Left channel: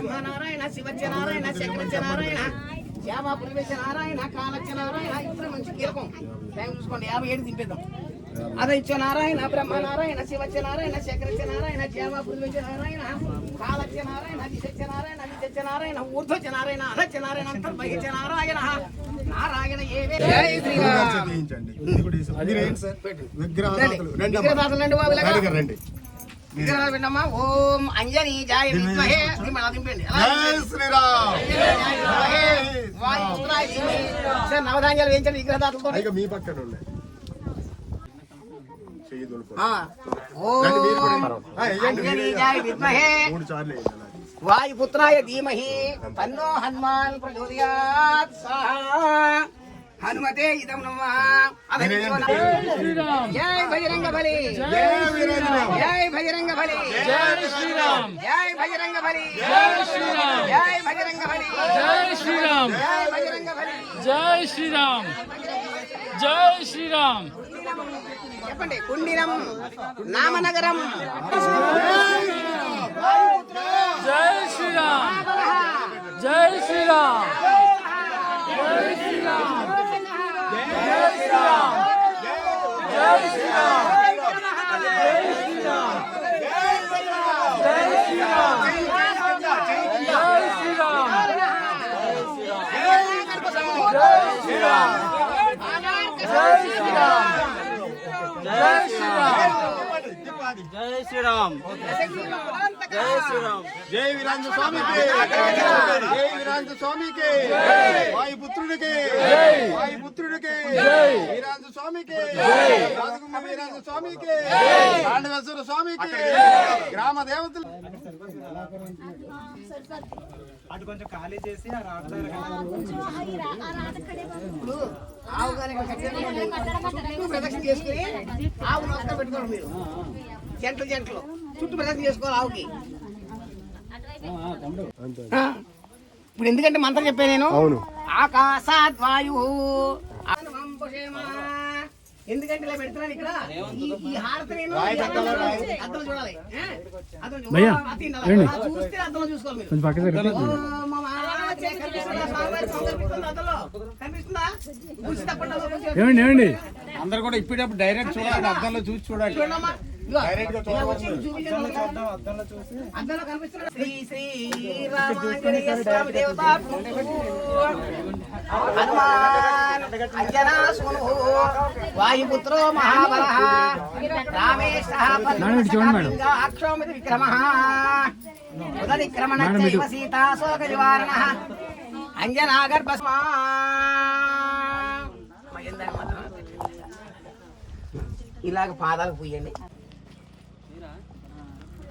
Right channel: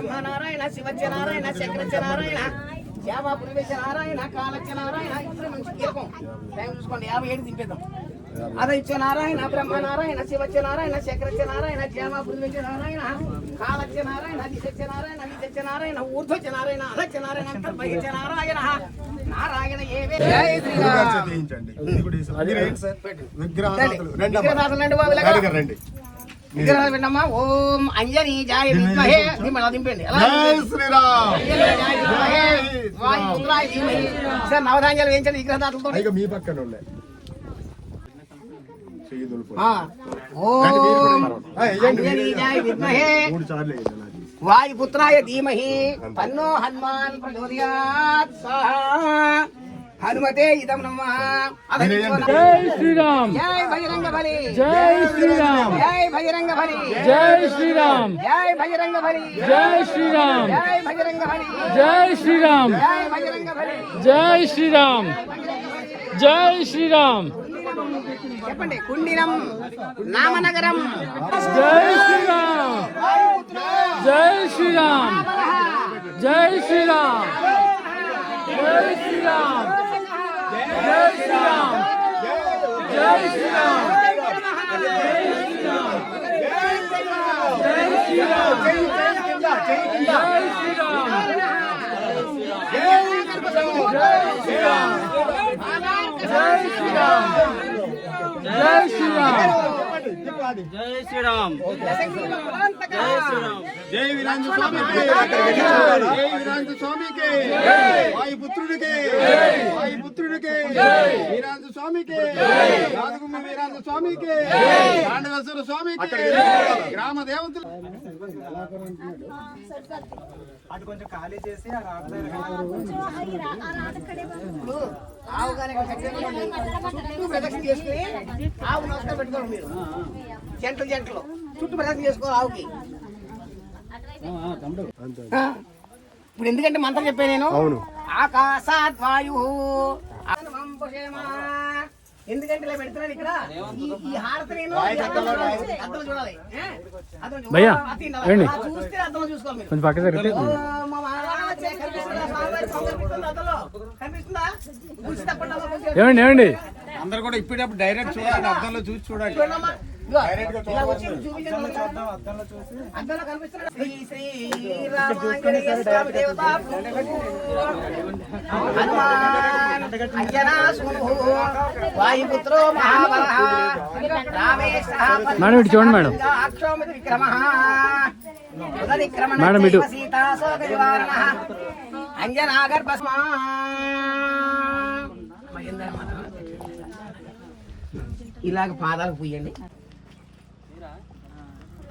బ్రహ్మనారాయణ శివజ్య నారాయణ శంకరజ్య నారాయణ శ్యామ పులివేశ నారాయణ కాలజ్య నారాయణ ఇద్దరు మంచి కీలకం. టైం చూసుకోండి యాభై ఏడు దింపేద్దాం. అదే ఇచ్చే నారాయణ బ్రహ్మ నారాయణ శివజ్య నారాయణ శంకరజ్య నారాయణ శ్యామ పులివేశ నారాయణ కాలజ్య నారాయణ నిత్య నారాయణ నిత్య నారాయణ ఊర్ధ్వజ నారాయణ అధజ్య నారాయణ అంతా బహిజ నారాయణ నారాయణ ఏవే విగ్రహదాతలు రండి. విన్నమ్మా ఓం అంజని జాయ విద్మహే దిమ్మల దింపండి జై శ్రీరామ్ అంజని జాయ విద్మహే వాయు పుత్రాయ ధీమహి సార్ నవధాన్యాలు వేయించండి విగ్రహాలతో అయితే మీ పక్కన ఉండే ఓం అంజని జాయ విద్మహే వాయుపుత్రాయ ధీమహి తన్నో హనుమాన్ ప్రచోదయాత్ స్వాహా హనుమతే ఇదం నమః జై శ్రీరామ్ జై బహిరంగ బలి జై శ్రీరామ్ జై బహిరంగ బలి జై శ్రీరామ్ జై బహిరంగ బలి జై శ్రీరామ్ జై బహిరంగ బలి జై శ్రీరామ్ జై శ్రీరామ్ జై శ్రీరామ్ చెప్పండి కుండినం నామనగరం జై శ్రీరామ్ జై శ్రీరామ్ జై శ్రీరామ్ జై శ్రీరామ్ జై శ్రీరామ్ జై శ్రీరామ్ జై శ్రీరామ్ జై శ్రీరామ్ జై శ్రీరామ్ జై శ్రీరామ్ జై శ్రీరామ్ జై శ్రీరామ్ జై వీరాంజ స్వామికి జై వీరాంజ స్వామికి వాయుపుత్రుడికి వాయుపుత్రుడికి వీరాంజ స్వామికి. రాజగుమ్మ వీరాంజ స్వామికి. పాండవేశ్వర స్వామికి. గ్రామ దేవతలు. ఇప్పుడు ఆవు గారి చుట్టూ ప్రదక్షిణ చేసుకుని ఆవు నమస్కారం పెట్టుకోండి మీరు. జంటలు జంటలు. చుట్టూ ప్రదక్షిణ చేసుకోవాలి ఆవుకి. ఆ, ఇప్పుడు ఎందుకంటే మంత్రం చెప్పాను నేను? ఆకాశాత్ వాయు ఏమండి ఏమండి అందరు కూడా ఇప్పుడప్పుడు డైరెక్ట్ చూడాలి అర్థంలో చూసి చూడాలి. అందరూ కనిపిస్తున్నారు శ్రీ శ్రీ రామాంజనేయ దేవతా వాయుపుత్రో మహాబల రామేశ చూడండి మేడం. అక్షోమితి ఇలాగ పాదాలు పూయండి.